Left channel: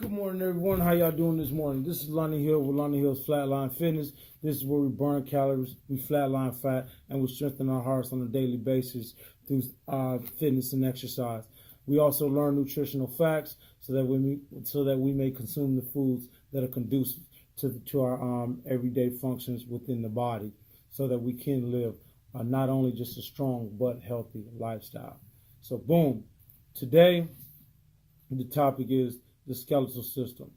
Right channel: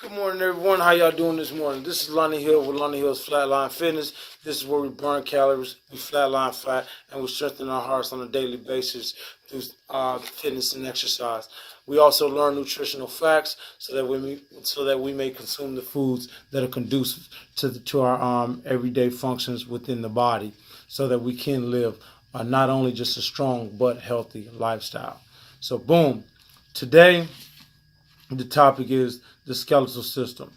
Good morning, everyone. How y'all doing this morning? This is Lonnie Hill with Lonnie Hill's Flatline Fitness. This is where we burn calories, we flatline fat, and we strengthen our hearts on a daily basis through fitness and exercise. We also learn nutritional facts so that we may consume the foods that are conducive to our everyday functions within the body, so that we can live not only just a strong but healthy lifestyle. So, boom. Today, the topic is the skeletal system.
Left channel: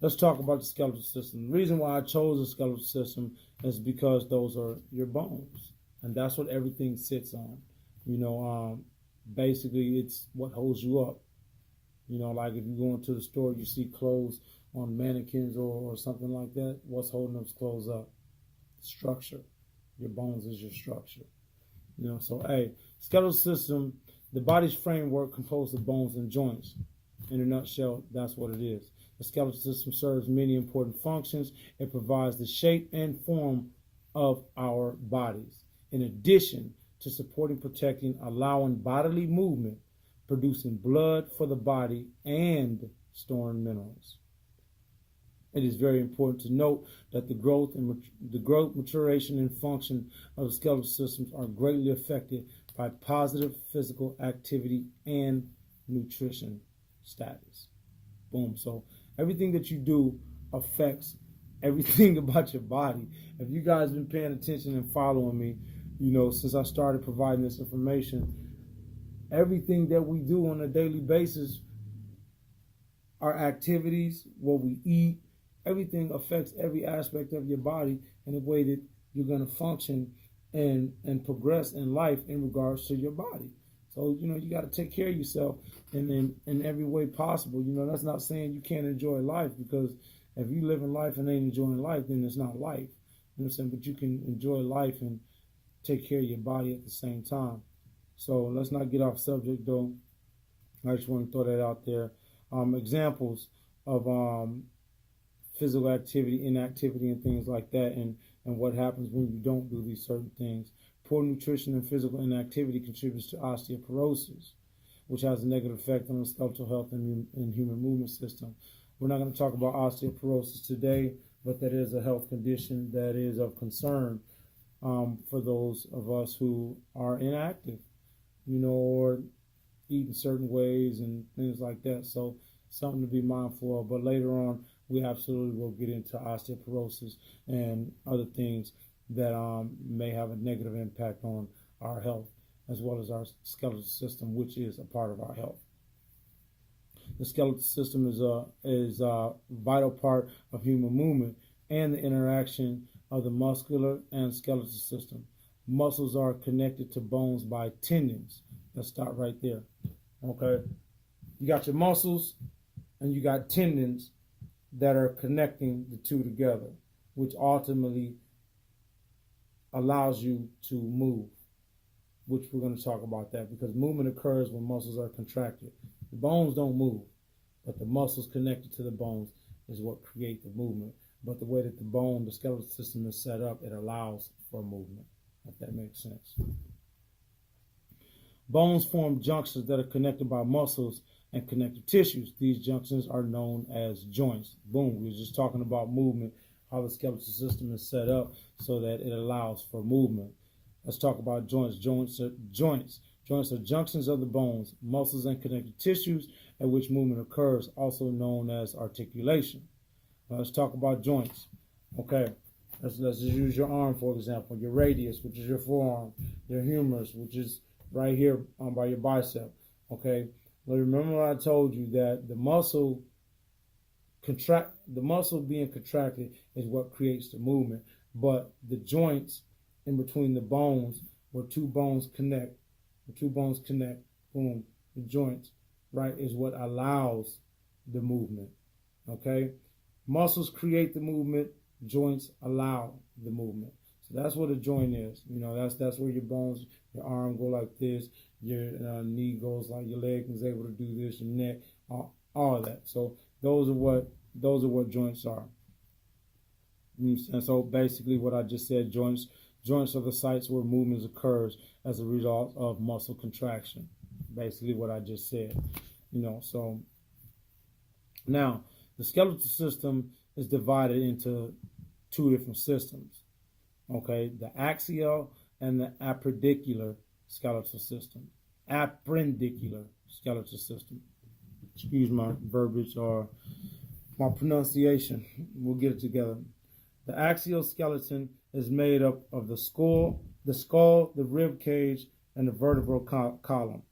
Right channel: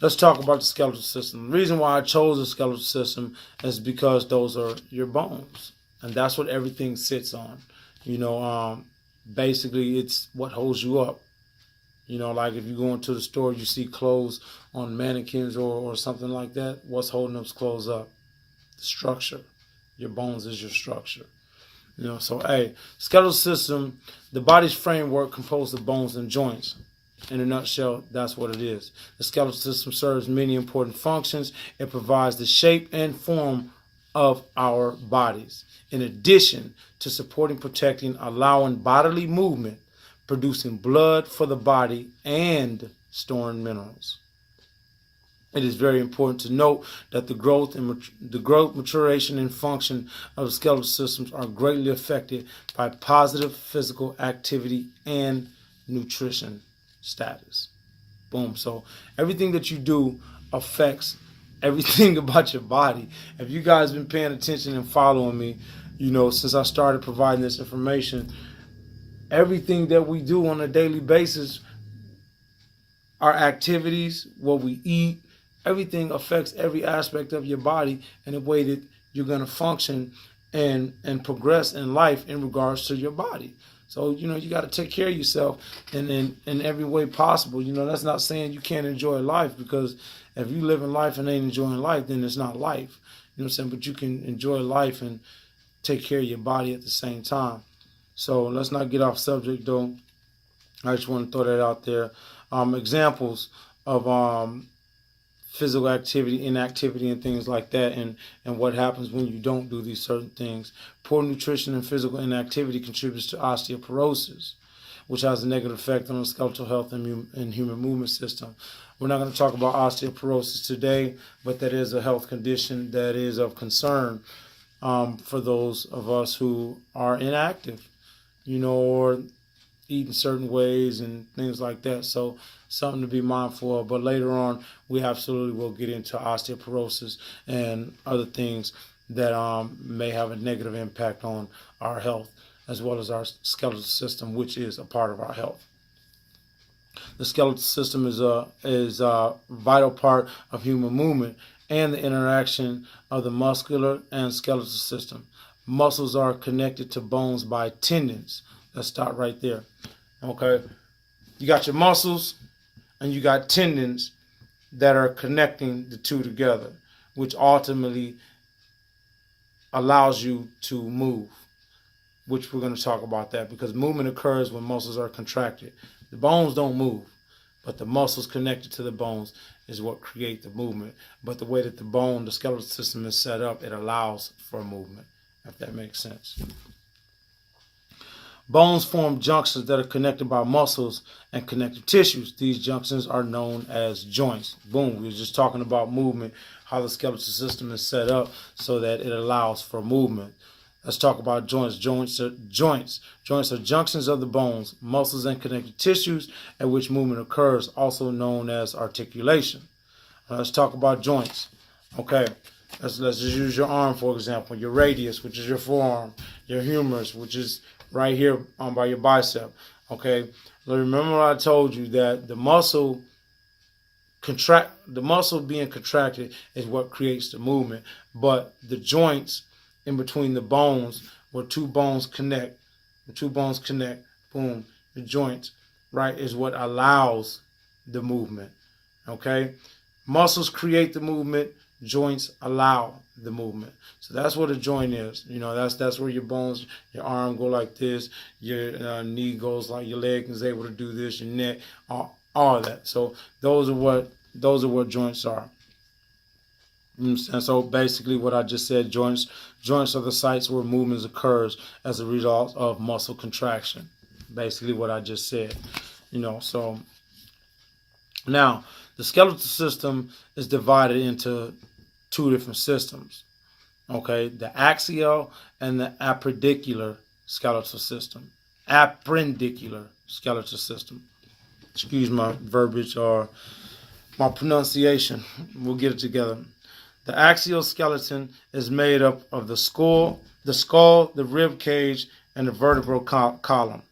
Let's talk about the skeletal system. The reason why I chose the skeletal system is because those are your bones, and that's what everything sits on. Basically, it's what holds you up. Like if you go into the store, you see clothes on mannequins or something like that. What's holding those clothes up? The structure. Your bones is your structure. Skeletal system, the body's framework composed of bones and joints. In a nutshell, that's what it is. The skeletal system serves many important functions. It provides the shape and form of our bodies, in addition to supporting, protecting, allowing bodily movement, producing blood for the body, and storing minerals. It is very important to note that the growth, maturation, and function of the skeletal systems are greatly affected by positive physical activity and nutrition status. Boom. So everything that you do affects everything about your body. If you guys been paying attention and following me, since I started providing this information, everything that we do on a daily basis, our activities, what we eat, everything affects every aspect of your body in a way that you're going to function and progress in life in regards to your body. So, you got to take care of yourself in every way possible. That's not saying you can't enjoy life, because if you live in life and ain't enjoying life, then it's not life. You know what I'm saying? But you can enjoy life and take care of your body at the same time. So let's not get off subject, though. I just want to throw that out there. Examples of physical activity, inactivity, and things like that, and what happens when you don't do these certain things. Poor nutrition and physical inactivity contributes to osteoporosis, which has a negative effect on the skeletal health and human movement system. We're not going to talk about osteoporosis today, but that is a health condition that is of concern for those of us who are inactive, or eating certain ways and things like that. So something to be mindful of. But later on, we absolutely will get into osteoporosis and other things that may have a negative impact on our health, as well as our skeletal system, which is a part of our health. The skeletal system is a vital part of human movement and the interaction of the muscular and skeletal system. Muscles are connected to bones by tendons. Let's start right there. Okay, you got your muscles and you got tendons that are connecting the two together, which ultimately allows you to move, which we're going to talk about that, because movement occurs when muscles are contracted. The bones don't move, but the muscles connected to the bones is what create the movement. But the way that the skeletal system is set up, it allows for movement, if that makes sense. Bones form junctions that are connected by muscles and connective tissues. These junctions are known as joints. Boom, we were just talking about movement, how the skeletal system is set up so that it allows for movement. Let's talk about joints. Joints are junctions of the bones, muscles, and connective tissues at which movement occurs, also known as articulation. Let's talk about joints. Okay, let's just use your arm, for example. Your radius, which is your forearm. Your humerus, which is right here by your bicep. Okay, remember what I told you, that the muscle being contracted is what creates the movement, but the joints in between the bones, where two bones connect, boom, the joints, right, is what allows the movement. Okay, muscles create the movement, joints allow the movement. So that's what a joint is. That's where your bones, your arm go like this, your knee goes like, your leg is able to do this, your neck, all of that. So those are what joints are. And so basically what I just said, joints are the sites where movement occurs as a result of muscle contraction. Basically what I just said. So Now, the skeletal system is divided into two different systems. Okay, the axial and the appendicular skeletal system. Appendicular skeletal system. Excuse my verbiage or my pronunciation. We'll get it together. The axial skeleton is made up of the skull, the rib cage, and the vertebral column.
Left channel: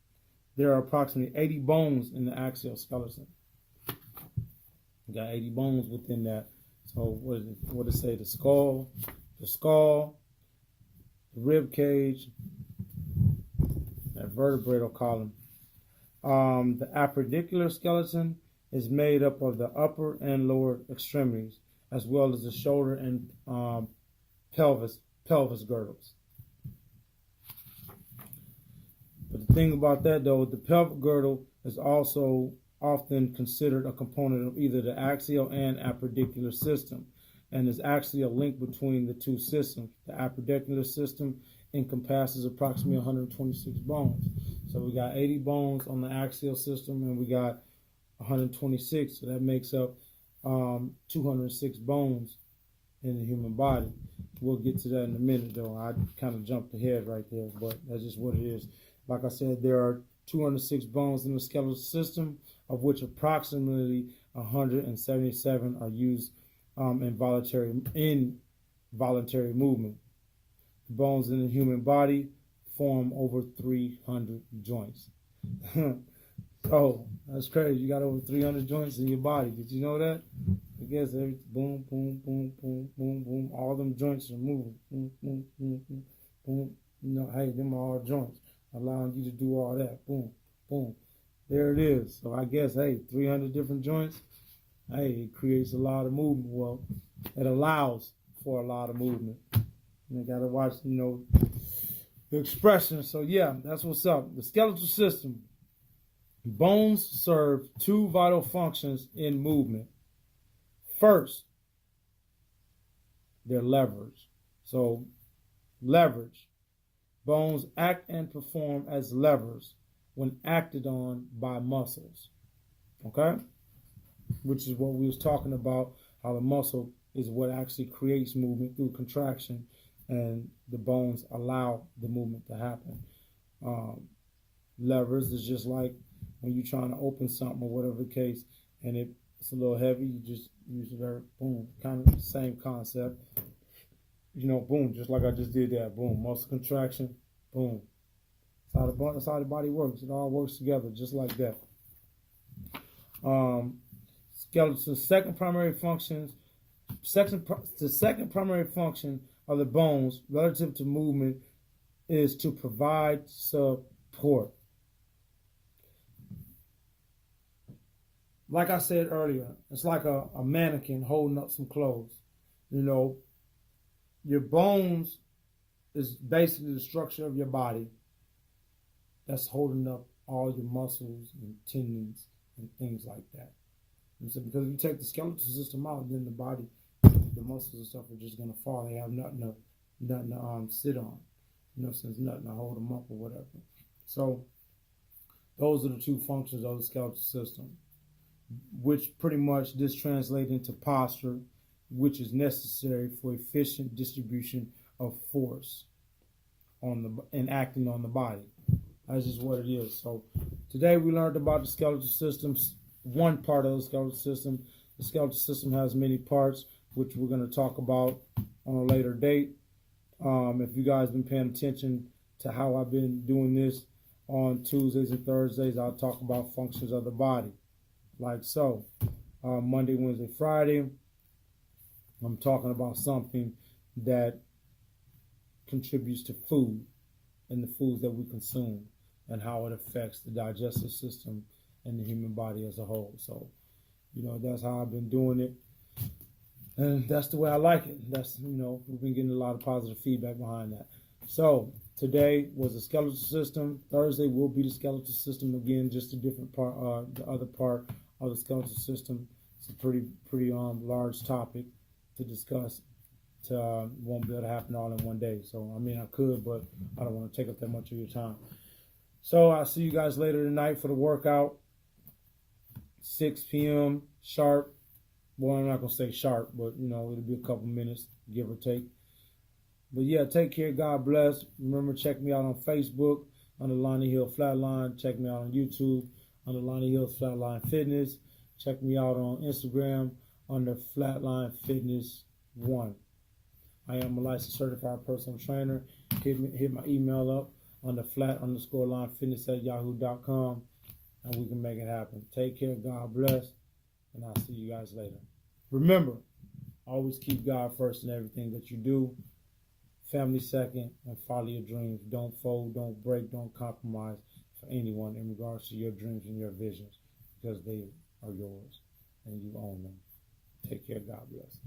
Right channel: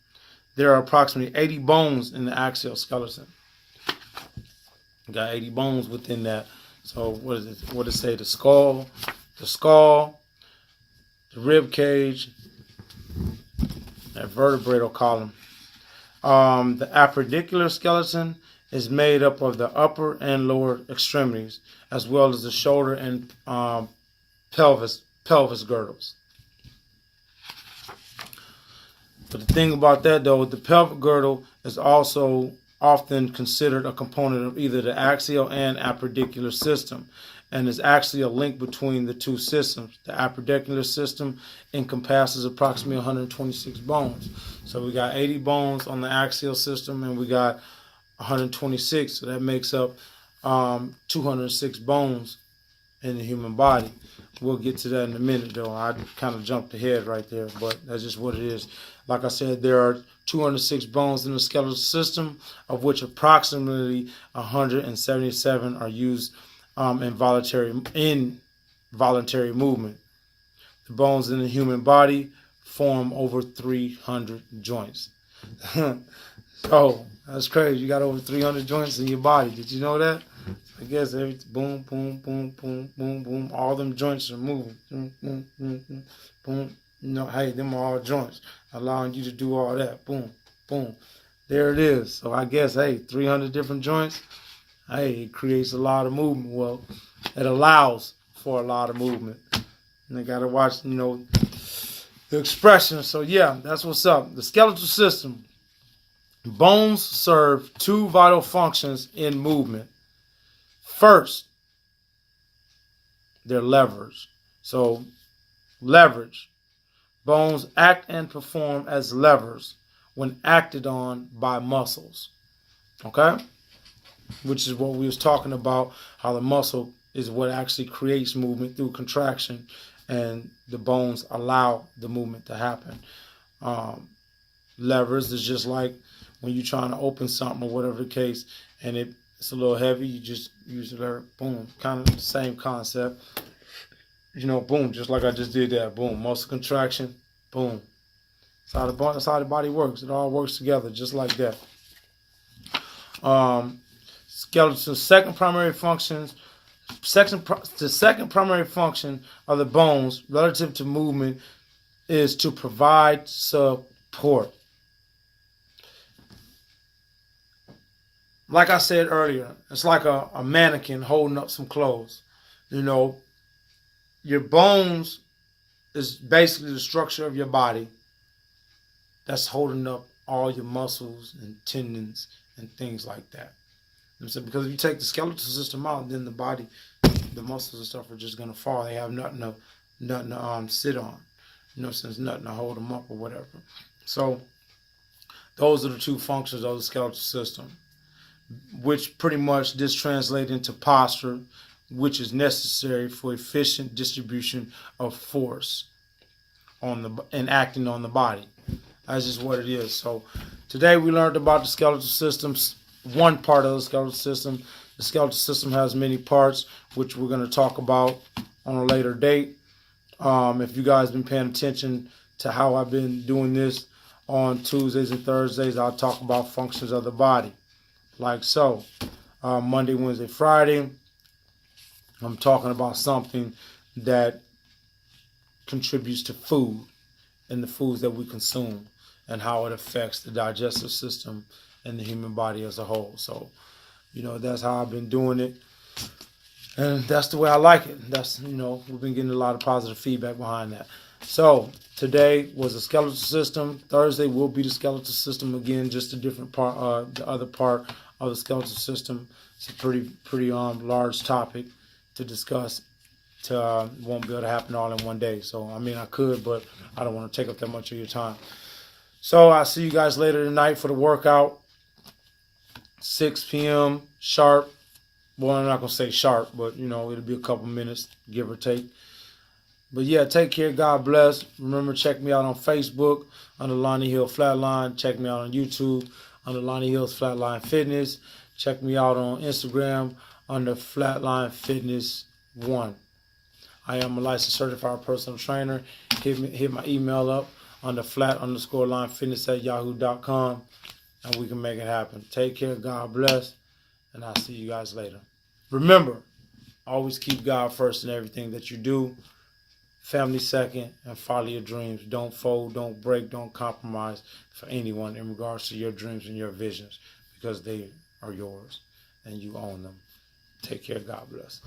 There are approximately 80 bones in the axial skeleton. We got 80 bones within that. So what is it? What does it say? The skull, the rib cage, that vertebral column. The appendicular skeleton is made up of the upper and lower extremities, as well as the shoulder and pelvis girdles. But the thing about that, though, the pelvic girdle is also often considered a component of either the axial and appendicular system, and is actually a link between the two systems. The appendicular system encompasses approximately 126 bones. So we got 80 bones on the axial system, and we got 126. So that makes up 206 bones in the human body. We'll get to that in a minute, though. I kind of jumped ahead right there, but that's just what it is. Like I said, there are 206 bones in the skeletal system, of which approximately 177 are used in voluntary movement. The bones in the human body form over 300 joints. So that's crazy. You got over 300 joints in your body. Did you know that? I guess every boom, boom, boom, boom, boom, boom. All them joints are moving. Boom, boom, boom, boom, boom. You know, hey, them are all joints, allowing you to do all that. Boom, boom. There it is. So I guess, hey, 300 different joints. Hey, it creates a lot of movement. Well, it allows for a lot of movement. And they got to watch, the expression. So, yeah, that's what's up. The skeletal system. Bones serve two vital functions in movement. First, they're levers. So, leverage. Bones act and perform as levers when acted on by muscles. Okay? Which is what we was talking about, how the muscle is what actually creates movement through contraction, and the bones allow the movement to happen. Levers is just like when you're trying to open something or whatever the case, and it's a little heavy, you just use the lever, boom, kind of the same concept. Boom, just like I just did that, boom, muscle contraction, boom. That's how the body works. It all works together just like that. Skeleton's second primary function of the bones relative to movement is to provide support. Like I said earlier, it's like a mannequin holding up some clothes. Your bones is basically the structure of your body that's holding up all your muscles and tendons and things like that. Because if you take the skeletal system out, then the body, the muscles and stuff are just gonna fall. They have nothing to sit on. Since nothing to hold them up or whatever. So those are the two functions of the skeletal system, which pretty much this translates into posture, which is necessary for efficient distribution of force and acting on the body. That's just what it is. So today we learned about the skeletal systems. One part of the skeletal system. The skeletal system has many parts, which we're going to talk about on a later date. If you guys been paying attention to how I've been doing this on Tuesdays and Thursdays, I'll talk about functions of the body, like so. Monday, Wednesday, Friday, I'm talking about something that contributes to food and the foods that we consume and how it affects the digestive system and the human body as a whole. So, that's how I've been doing it. And that's the way I like it. That's, we've been getting a lot of positive feedback behind that. So today was the skeletal system. Thursday will be the skeletal system again, just a different part, the other part of the skeletal system. It's a pretty large topic to discuss. Won't be able to happen all in one day. So, I could, but I don't want to take up that much of your time. So I'll see you guys later tonight for the workout. 6 p.m. sharp. Well, I'm not going to say sharp, but, you know, it'll be a couple minutes, give or take. But yeah, take care. God bless. Remember, check me out on Facebook under Lonnie Hill Flatline. Check me out on YouTube under Lonnie Hill's Flatline Fitness. Check me out on Instagram under Flatline Fitness 1. I am a licensed certified personal trainer. Hit my email up under flat_line_fitness@yahoo.com, and we can make it happen. Take care. God bless. And I'll see you guys later. Remember, always keep God first in everything that you do. Family second, and follow your dreams. Don't fold, don't break, don't compromise for anyone in regards to your dreams and your visions, because they are yours and you own them. Take care. God bless.